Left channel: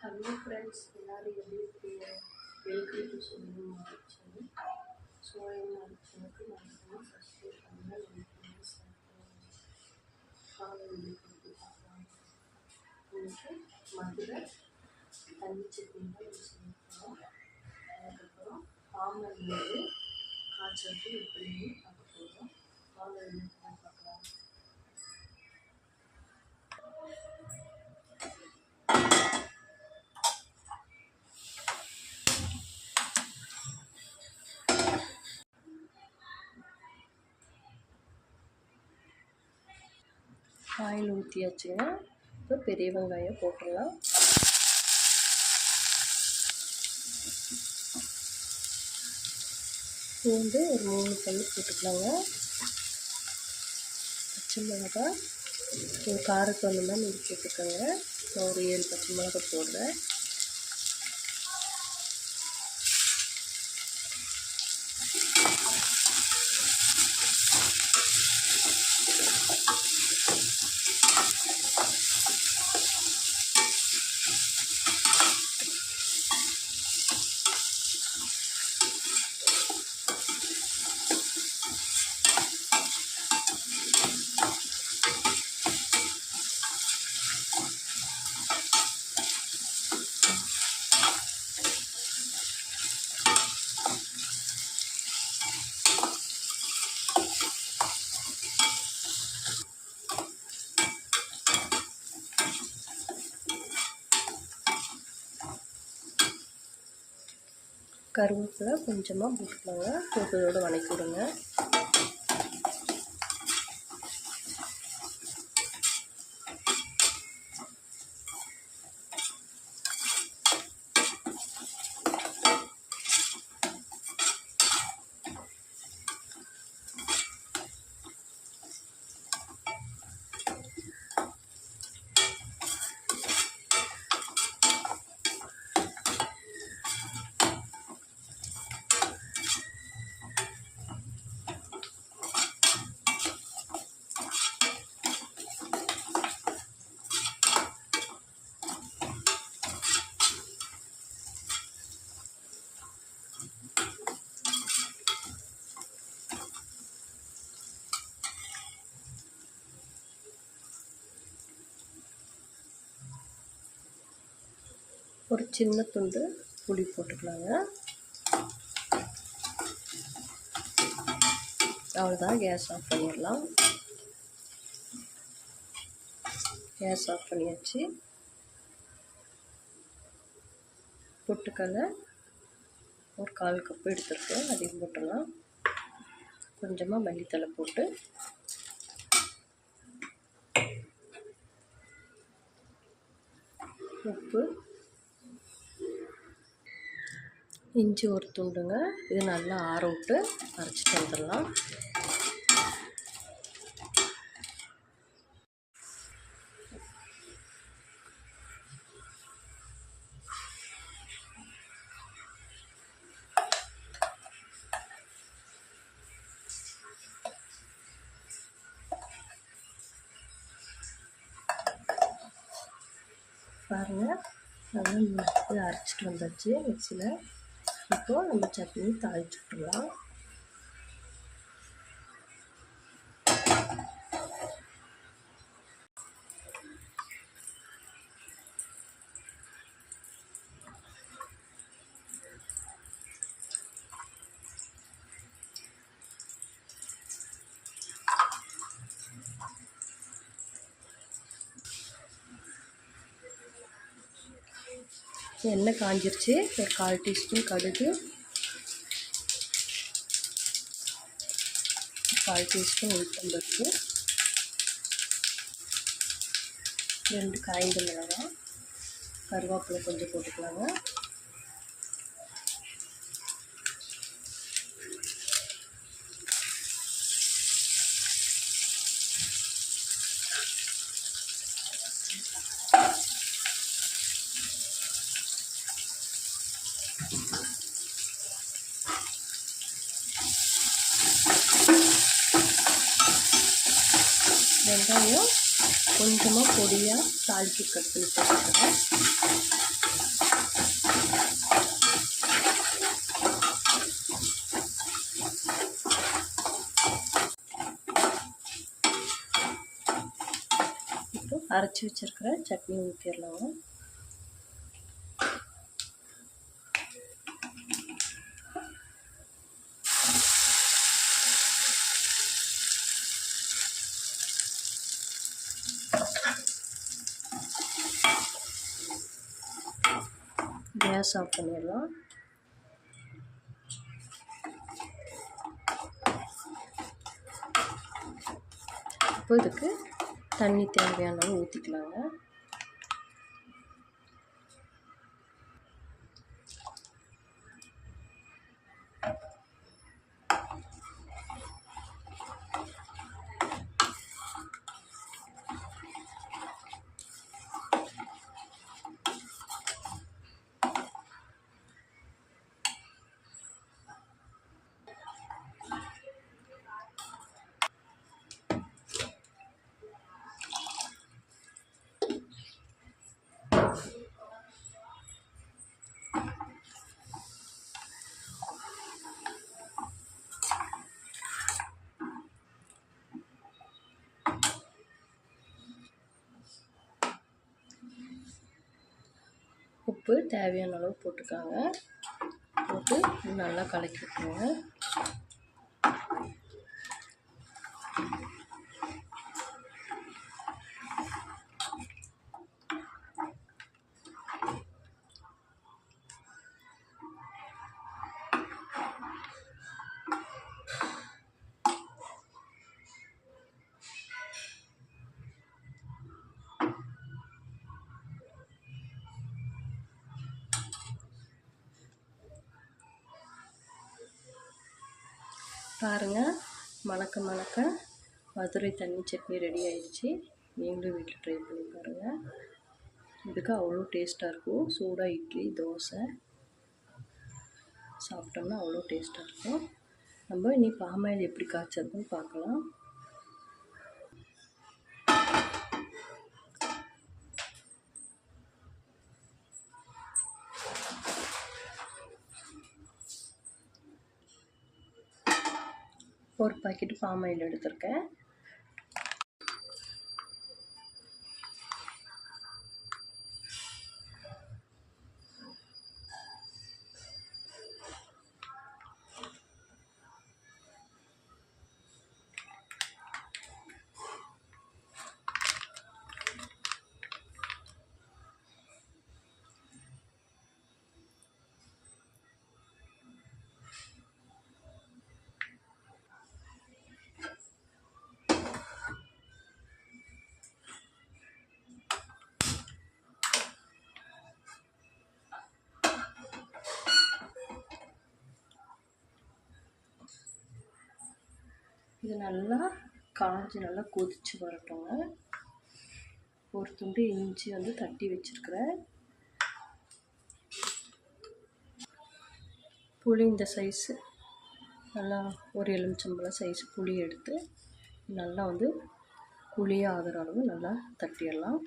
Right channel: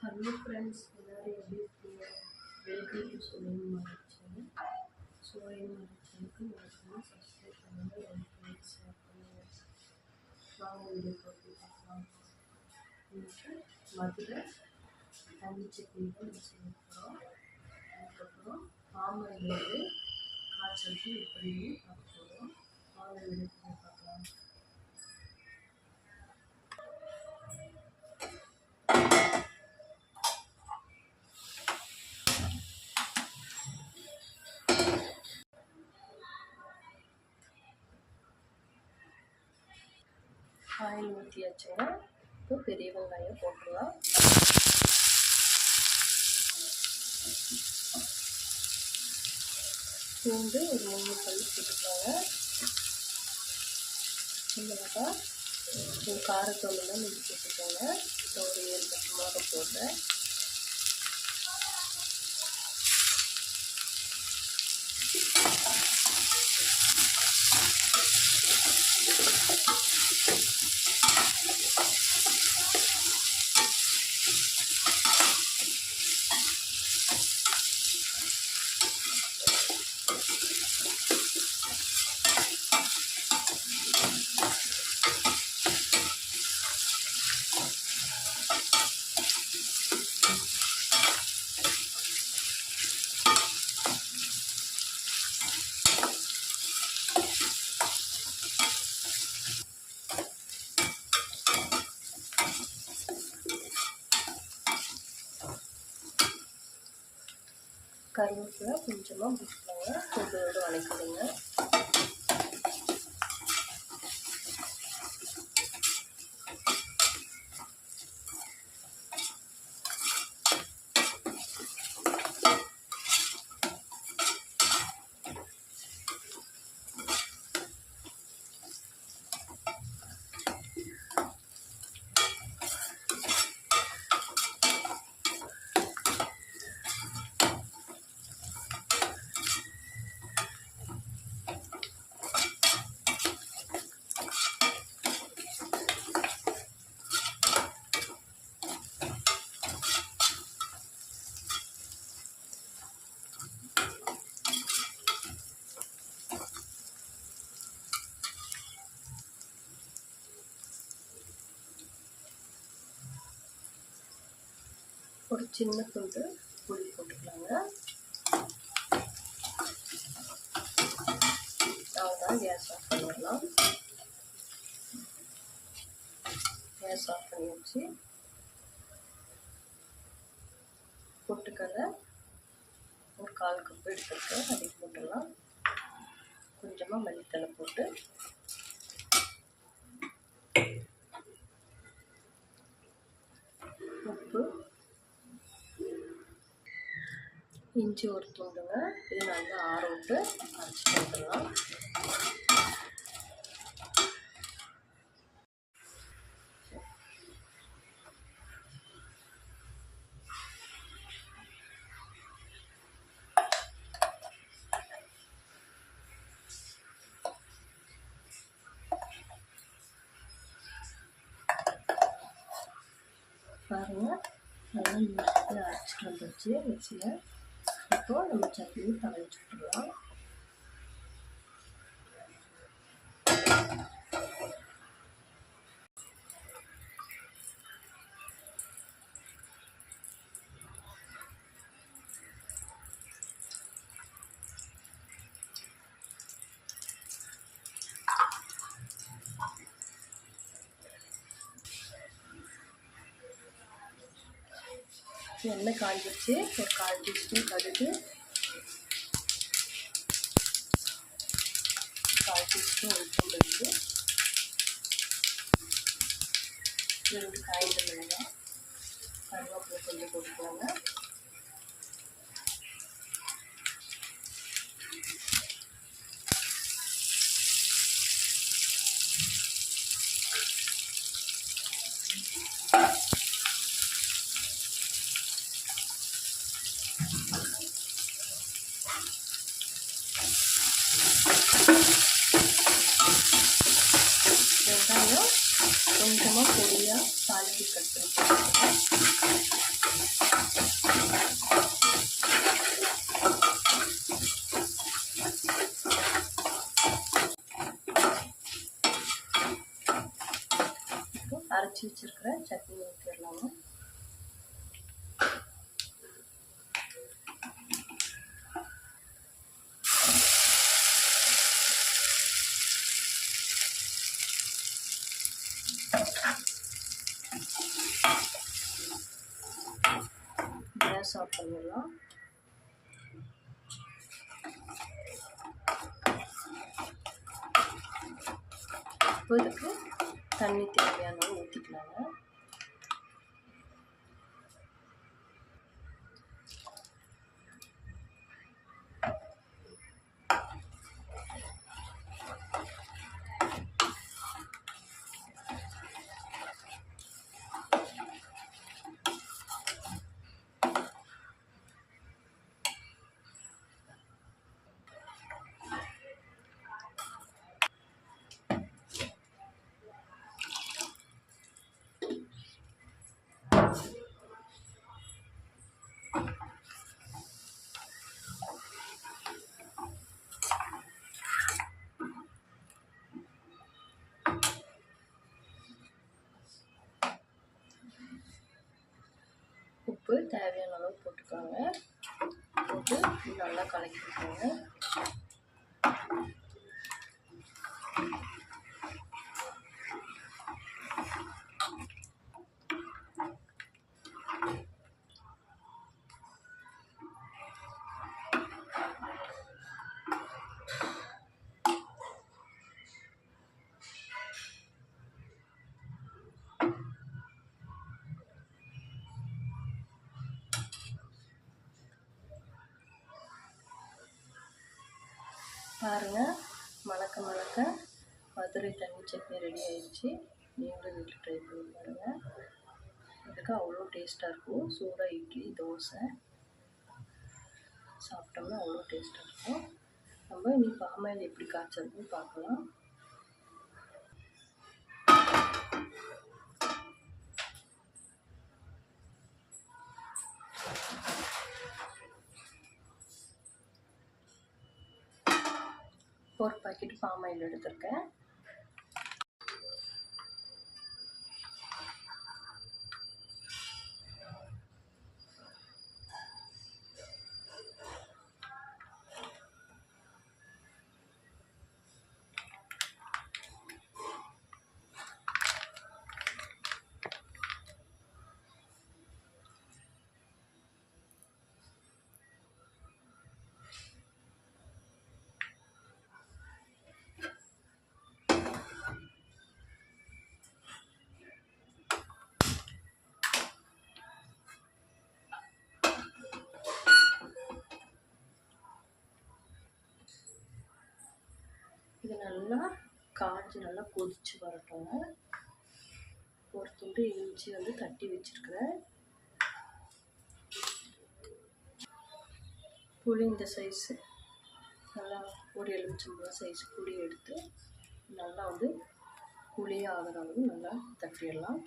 Hello friends எல்லோரும் எப்படி இருக்கீங்க welcome to Chozhiyam channel Chozhiyam சேனலுக்கு மறக்காமல் சப்ஸ்கிரைப் பண்ணுங்கள் லைக் பண்ணுங்கள் ஷேர் பண்ணுங்கள் வாங்க வீடியோ பார்த்து பார்க்கலாம் இன்னைக்கு மதுரை தண்ணி சட்னி தான் நம்ம செய்ய போகிறோம் அதுக்கப்புறம் பாம்பன் வந்து காய்ச்சலுக்கு எப்படின்னு பார்க்க போகிறோம் வாங்க வீடியோ போய் பார்க்கலாம் ஆயில் ஊற்றியாச்சுங்க இப்போ பெரிய வெங்காயம் போட்டுடலாம். பூண்டு ஒரு மூணு பல் போட்டுக்கலாங்க. பச்சை மிளகாய் ஒரு தான் நீங்கள் போட்டுக்கோங்க. நான் ஒரு ஏழு பச்சை மிளகா போடுறேன். フフフフ。கருவேப்பிலை கொஞ்சமாக போட்டுக்கலாங்க போட்டதோடு வதக்கி ஒரு சின்ன துண்டு புளி போட்டுக்கலாங்க. அவ்வளோதான் கேஸ் ஆஃப் பண்ணிடலாம். கேஸ் ஆஃப் பண்ணியாச்சு. பொட்டுக்கடலை ஒரு கால் கப்பு எடுத்துருக்கேன். அதையும் போட்டுடலாம். கொஞ்சமாக மல்லித்தலை போட்டு உப்பு இஞ்சி ஒரு துண்டுங்க. இது நல்லா ஆற விட்டு அரைச்சிட்டு வந்துடலாம் பாருங்கள் நல்லா அரைச்சிட்டு வந்தாச்சு. மிக்சியில் இப்போது நம்ம சட்னி தாளிச்சு விட்டுடலாம் எண்ணெய் காஞ்சிருச்சு. ஒரு கால் டீஸ்பூன் கடுகு. கால் டீஸ்பூன் உளுத்தம்பருப்பு ரெண்டு காய்ந்த மிளகாய். கருவேப்பிலை கொஞ்சம் போட்டுக்கலாங்க. கொஞ்சமாக பொடியாக தாளித்து கட் பண்ணி இப்போ அரைச்சி வச்சுருக்கிற சட்னி ஊற்றிடலாமா கேஸ் ஆஃப் பண்ணிடலாம் இப்போ இதுக்கு தண்ணி தேவையான ஊற்றிக்கலாங்க உப்பு தேவையான அளவு போட்டுக்காங்க. போட்டு நல்லா கலக்கி விட்டுருங்க பாருங்கள் மணக்க மணக்க மதுரை தண்ணி சட்னி ரெடி ஆயிடுச்சு. நீங்களும் வீட்டில் ட்ரை பண்ணி பாருங்கள் இதுக்கு அவ்வளோ டேஸ்ட்டாக இருக்கும். சூடாக இட்லி தோசை. சாப்பிட்டோம்னா அவ்வளோ டேஸ்ட்டாக இருக்கும். நம்ம இனி பாமாயில் எப்படி காய்ச்சறதுன்னு பார்க்கலாம். ஒரு பாக்கெட் பாமாயில் ஆயில் எடுத்திருக்கேன். இது நல்லா காஞ்சி நல்லா கொதிச்சு வரட்டுங்க ஒரு துண்டு இஞ்சி வந்து தட்டி வச்சுருக்கிறேன். புளி இந்த சைஸு நல்லா ஒரு எலுமிச்சம்பழம் சைஸ் புளி எடுத்து நல்லா வந்து புளியாக அளவு நல்லா தட்டிடலாம்.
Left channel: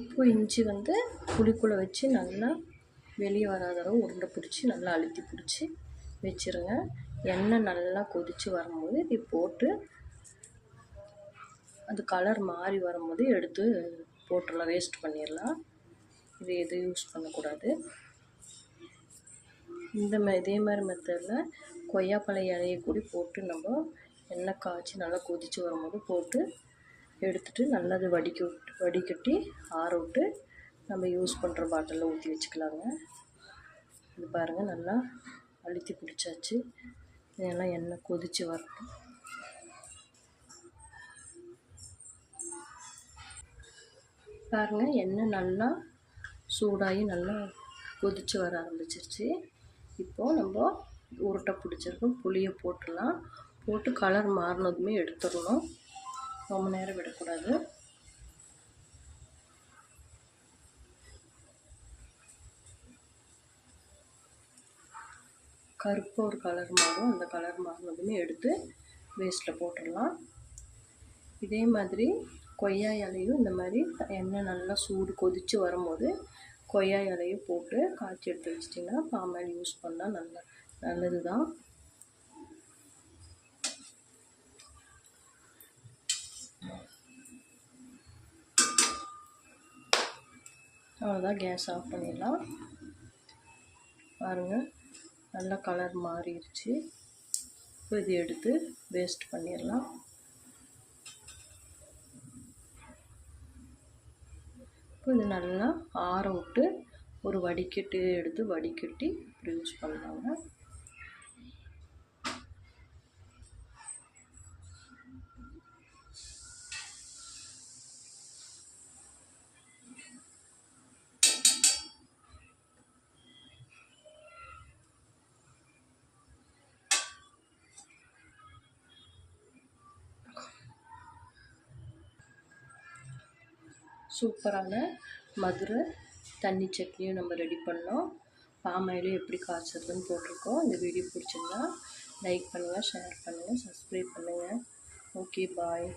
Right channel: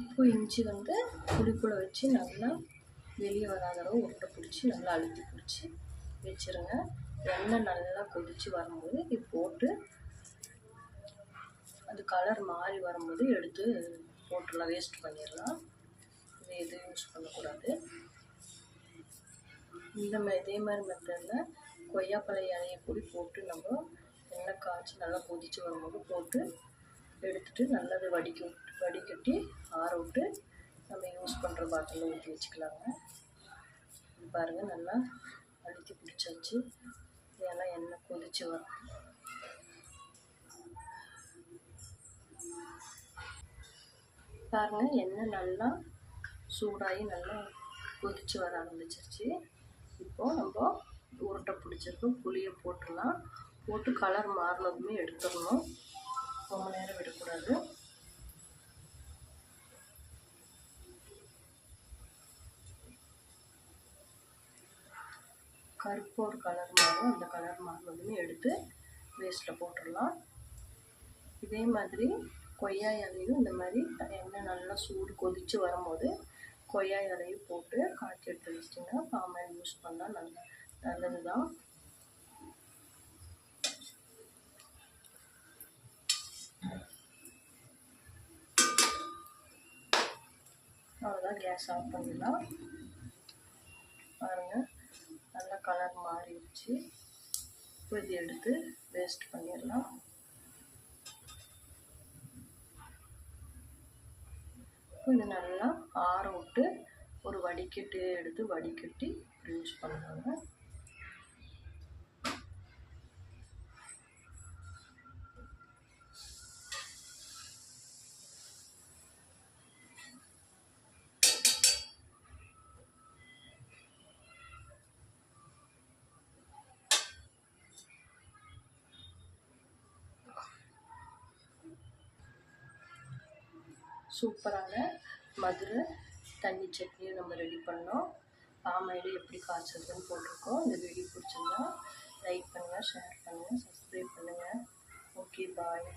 உப்பு இஞ்சி வந்து புளிக்குள்ளே வச்சு நல்லா வெளியே வராத அளவு உருண்டை பிடிச்சி நல்லா அழுத்தி பிடிச்சி வச்சுருங்க. எண்ணெய் நல்லா கொதித்து வரும்போது இது போட்டு அது கலர் மாறி வரும்போது எடுத்து போட்டுடலாம் வேஸ்ட் பண்ணிடலாம். இது எதுவும் யூஸ் பண்ணக்கூடாது. இந்த இதே மாதிரி மெத்தடில் கொய்யாப்பழ இலையை கூடி போட்டு நம்ம எண்ணெய் காய்ச்சி நல்லா கொதித்து வரும்போது போட்டு எடுத்துகிட்டு நல்லா வடிக்க விட்டு வடிகட்டி ஆற விட்டு நம்ம யூஸ் பண்ணுற பாட்டிலில் ஊற்றி வச்சுக்கலாங்க. இது பாருங்கள் நல்லா அழுத்தி பிடிச்சாச்சு. இதெல்லாம் எண்ணெய் கொதித்து வரட்டும். பாருங்கள் எண்ணெய் நல்லா சூடாகி நல்லா கொதித்து வர ஆரம்பிச்சிருச்சு. இப்போது நம்ம உருட்டை பிடிச்சிருக்கோம் புளியை போட்டுடலாம். போட்டு கலர் மாறினதுமே எடுத்துடணும். ரொம்ப நேரம் விடக்கூடாது. கருப்பு ஒரு கலர் மாவும் அந்த கலர் மாறினதுமே எடுத்து வேஸ்ட்டில் போட்டுடலாம். இதே மாதிரி கொய்யா இலையும் இந்த மாதிரி எண்ணெய் நல்லா சூடு கொதித்து வரும்போது கொய்யா இலையும் போட்டு காய்ச்சி எடுத்து வச்சிட்டிங்கன்னா பாமாயில் யூஸ் பண்ணால் நல்ல நல்லது தான் அவ்வளோதான் கேஸ் ஆஃப் பண்ணிடலாம். பாருங்கள் நல்லா கலர் மாறிடுச்சு இப்போ இது எடுத்து வேஸ்ட் பண்ணிடலாம் இப்போ இது நல்லா ஆற விட்டு ஒரு வடிகட்டி எடுத்து வடிகட்டி யூஸ் பண்ணுவாங்க சூப்பரான மதுரை தண்ணி சட்னியும் நம்ம ரெடி பண்ணோம். பாமாயிலும் எப்படி காய்ச்சதுன்னு போட்டிருக்கோம். இந்த வீடியோ பிடிச்சிருந்தா லைக் பண்ணுங்கள் ஷேர் பண்ணுங்கள் சப்ஸ்கிரைப் பண்ணுங்கள் ஓகே பாய்